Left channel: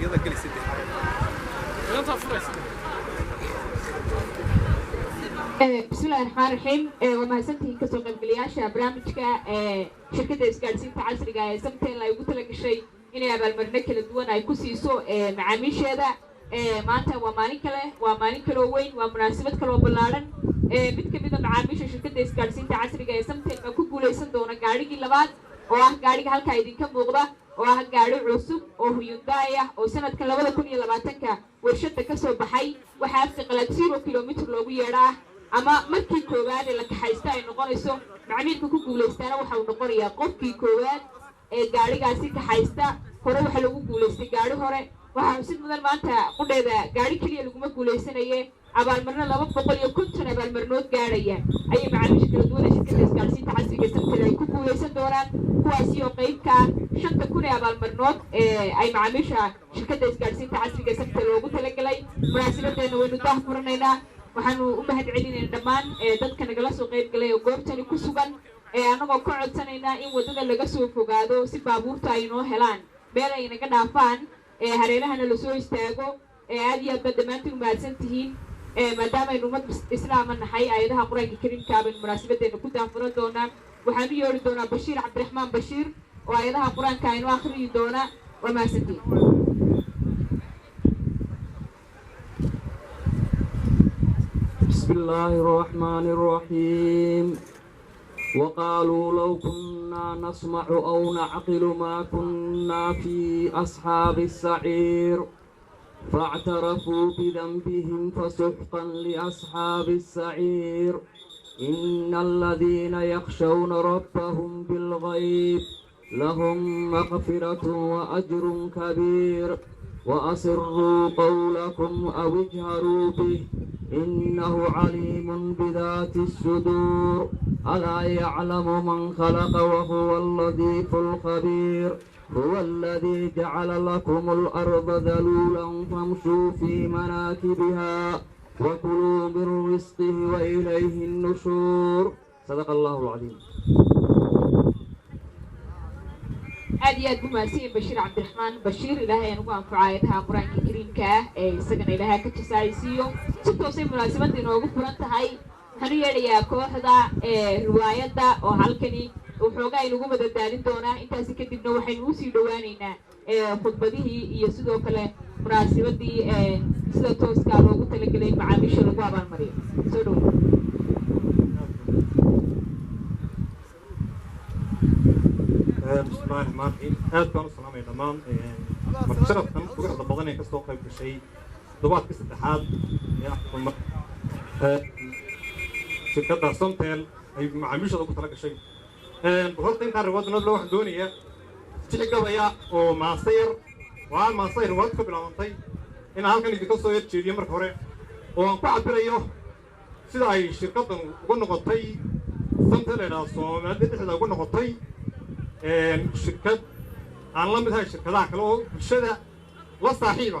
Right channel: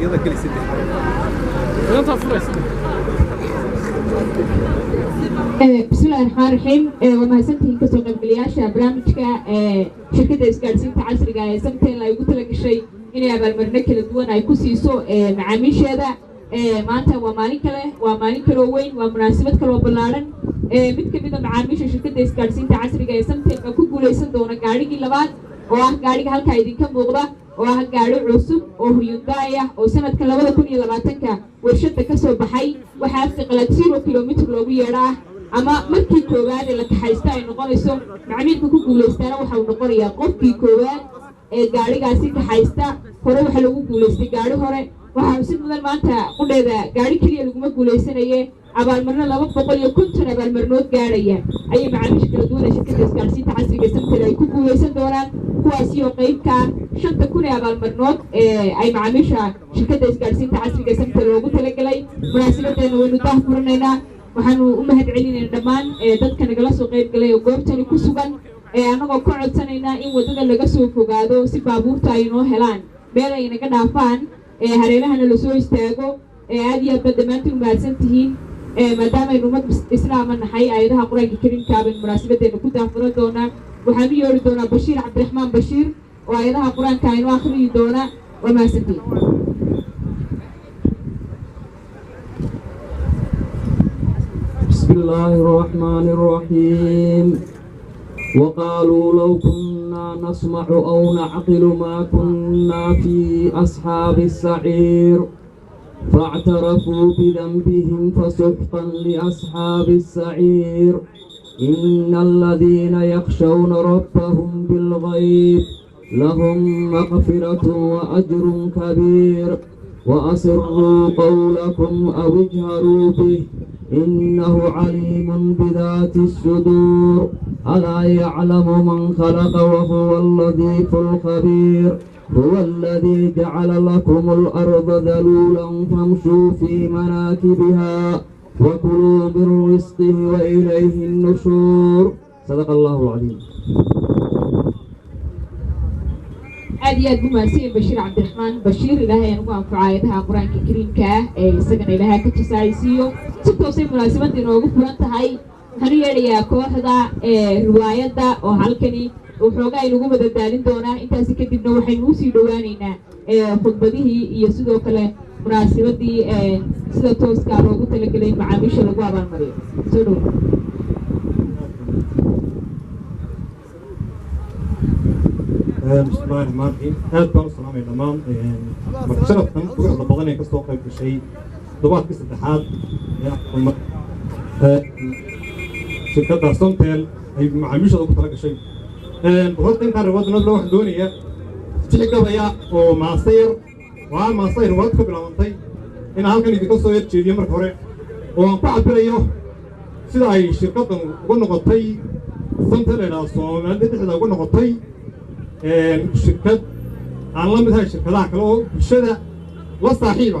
يلا كل ست بسم الله الرحمن الرحيم ومahadsantihiin kasoo qaybgalayaasha barnaamijka shirkadda isgaadhsiinta casriga ee samtel ay ugu talagashay inay abaalmarino kala duwan ay ku siiso macaamiisheeda maanta waa maalin kaloo weyn waa munaasabad kaloo ballaaran mid ka mid a macaamiisha shirkadda isgaadhsiinta casriga ee samtel baa ku guulaysan doona gaadhigii labaad oo ah gaadhiga halkaa idinka muuqda oo ah gaadhi cusub oo Hyundai ah oo sanadka 2020ka warshada ka soo baxay waxa afka qalad 0 kilomitir loogu yeedhaa ama markii koowaad la kaxaysta ay noqonayso macaamiilka ku guulaystaana waxa uu noqonayaa qofkii koowaad ee gaadhigaasi kaxaysta hore waxa lagu guulaystay gaadhi hore waxa si mudan maanta qudheeda gaadhi kaliya laguma guulaysanayay abaalmarino 250 abaalmarinood gaadhaya ayay macaamiisha kala duwan ee shirkadda isgaadhsiinta casriga Samtel ay ku guulaysan doonaan kuwaasi oo qaybka 5,000 abaalmarinood ay macaamiisha shirkadda isgaadhsiinta casriga Samtel loogu talagalay munaasabadana waynu daahfurnaynaa waxaanu u mahadcelinaynaa dhammaan dadka nagala soo qayb galay oo goobtani ku sugan anagoo ka codsanaynaa in wadada laga soo fogaado si baabuurta ay noo helaan meel ay naga dhaafaan hareerahana la soo istaago aad iyo aad dhammaantiin mahadsan tihiin maadaama aynu ummad islaama nahay aayadaha quraanka kariimka ah munaasabaddeena ku daahfuran doonaa waxaan u yeeri doonaa Bashiir Cabdiraxmaan Bashiir oo aayadaha quraanka aynu akhriyi doona waa mahadsantiin بسم الله الرحمن الرحيم وقالوا لو كنا نسمع أو نعقل ما كنا في أصحاب السعير فاعترفوا بذنبهم فسحقا لأصحاب السعير إن الذين يخشون ربهم بالغيب لهم مغفرة وأجر كبير وأسروا قولكم أو اجهروا به إنه عليم بذات الصدور ألا يعلم من خلق وهو اللطيف الخبير هو الذي جعل لكم الأرض ذلولا فامشوا في مناكبها وكلوا من رزقه وإليه النشور صدق الله العظيم. aad mahadsan Bashiir Cabdiraxmaan Bashiir ilaahay aan ugu anfacaayadaha quraanka kariimka ah isagana ilaahay ka tusaysiyo si toosay munaasabada inoogu furan tahay waxaan yeelayaa kooxda riwaayadda oo halkani waxoogaa inagu madadaalin doonaa intaasi kadibna waxaynu usii dhawaaneynaa khudbadihii iyo sidoo kale munaasabadii sida tooska loogu talagalay macaamiisha lagu abaalmariyo soo dhow بسم الله الرحمن الرحيم aad baan u salaamay dhammaan marka sharafkan quruxda badan ee kasoo qayb gashay todobaadkii saddexaad ee shirkadda Samtel ay macaamiishooda ku tala gashay horta intaan riwaayadna waxaan doonayaa si gabaya oo maasayr riwaayad ka bilaabantay in halkan idinka soo jeediyo marka hore oo aan ku cabirayo sida ay shirkaddan ugu noqotay Samtel ee Soomaaliya dhexdeeda ugu noqotay shirkad aan la mid ahay shirkadaha kale oo bulshada la saaxiiba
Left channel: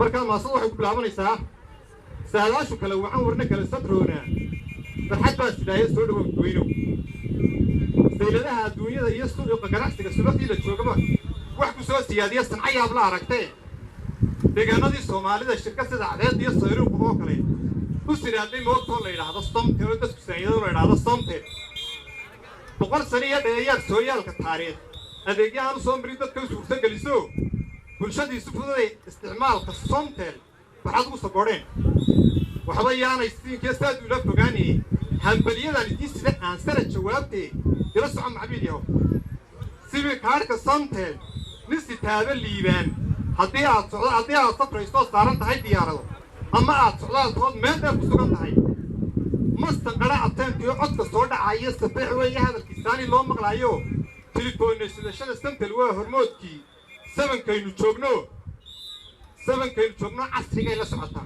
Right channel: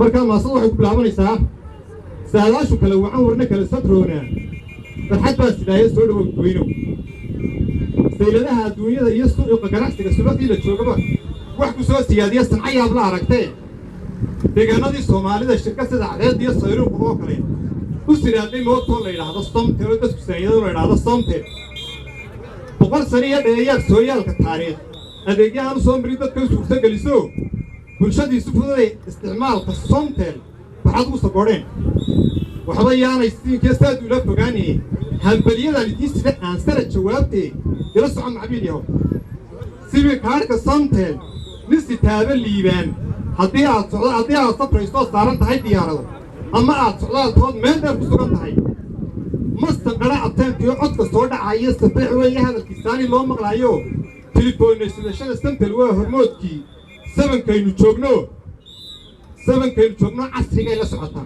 marka maasada waxay ku bilaabanaysaa saadaashu kale wacan warna kale satroona farxad baa sidaayay soo dhawow weynow sayladaha adduunyada iyo suuqa ganacsiga suuqii la joogaba wax ku soo siyaadiya sancayaab la aragtay deegaanadii Soomaalida shirkad sida cadeed iyo sayruuq oo kale u siraaday mootoo la yiraahdo Samtel oo dadku saayado la yiraahdo Samtel boqol sariya dheeyaad sooyaalka taariikh adeegyahan soo maray dadka suurta galiso bulshadiisu fududay isticmaalka Samtel waxaad u sabooreen waxba yaanay siinka saad ula fogaani hambaliyada lidii sida aan sara jawaabtay ila soo macbiiliyo sibi kaarka Samtel nisi taaba liibaan haddii aad safraysto saaran tahay diyaarado ama aad socdaaltood meel dheer ku sugan tahay مستقرا عطانتي عدك صودا عايز تبيع ويا هذا الكيساني لو مقلايو تليفون سيدشان Samtel waa hormoodkii 7 kaynu joogno casriga la socota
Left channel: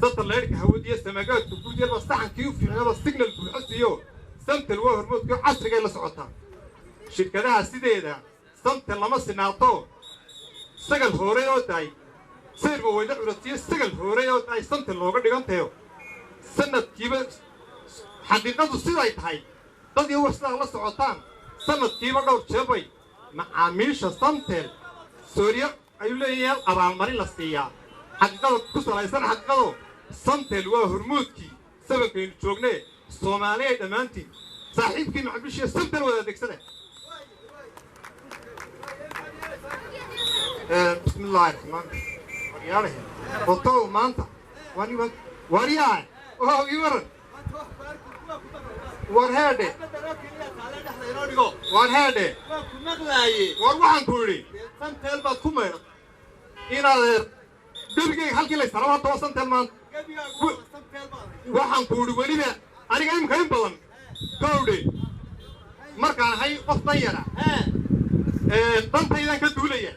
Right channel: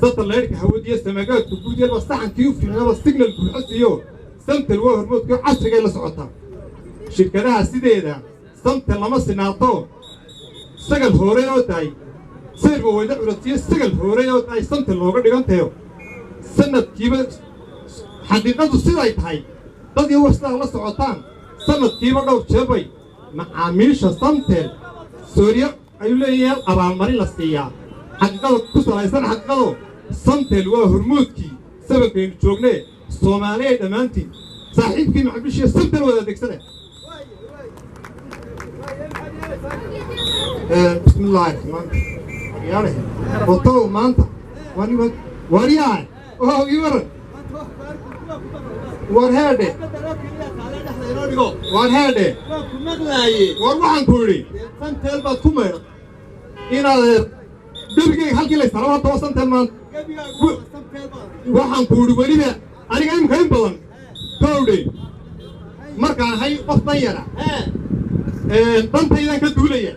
satellite-ka hawadiya samagaadka guudiyada saxankii u fiicnaa signal ku xasiyo Samtel waa hormoodkii casriga la socota shirkadaha sideeda Samtel lama sinaato sagal hore oo tahay sirba wayda curatiyo sagal hore oo tahay Samtel looga dhigantayo sanadkiiba xaqiiqadu siday tahay dadii wastaan la socotaan sanadkiiba dhowr jeebay macaamiisha samtel sooriya ayuu leeyahay abaalmarin la siiyaa xaqiiqada ku salaysan xaqiiqado samtel waa hormuudkii sabankaynu joognee soomaaliya dhammaantiin saaxiibkii macaamiisha samtel wada adeegsada bismillaahi raxmaan yaale otow maanta wariyaa oo iwaran war heedhe war heedhe war waxaan ku yidhi samtel baad ku maydha inaad gebigayga halkii la saraba haddaba samtel maanta waxaan ku yidhi weliba aniga imika in badan kowdhe markaan ahay qof dan yara dantaydan ka duulaya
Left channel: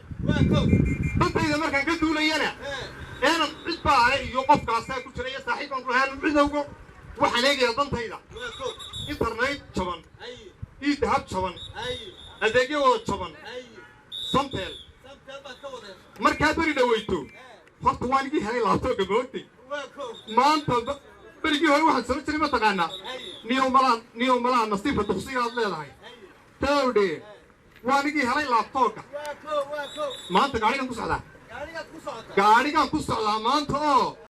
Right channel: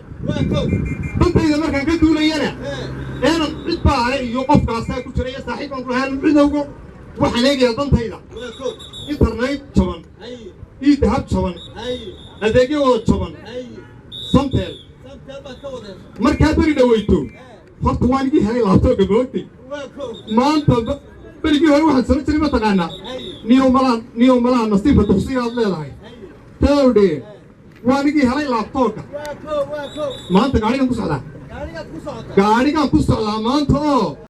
dantayda markaan ka duulayana eenan cid baa ale iyo qofkaasaa ku jira iyo saaxiibaan ku lahaan cidowgo waxaan eegayaa dantayda internet jaban ii dahab jaban adeegyo wada jaban samtel markaa beri dhawayto horta waan igii helay laabtooga moogtay maanta berigii hore waxaan sano jiray mataqaanaa niyow malaha nasiibka duqsigaad leedahay towdhe waan igii helay laabtooga maanta gaadhigaan ku socdaa maanta oo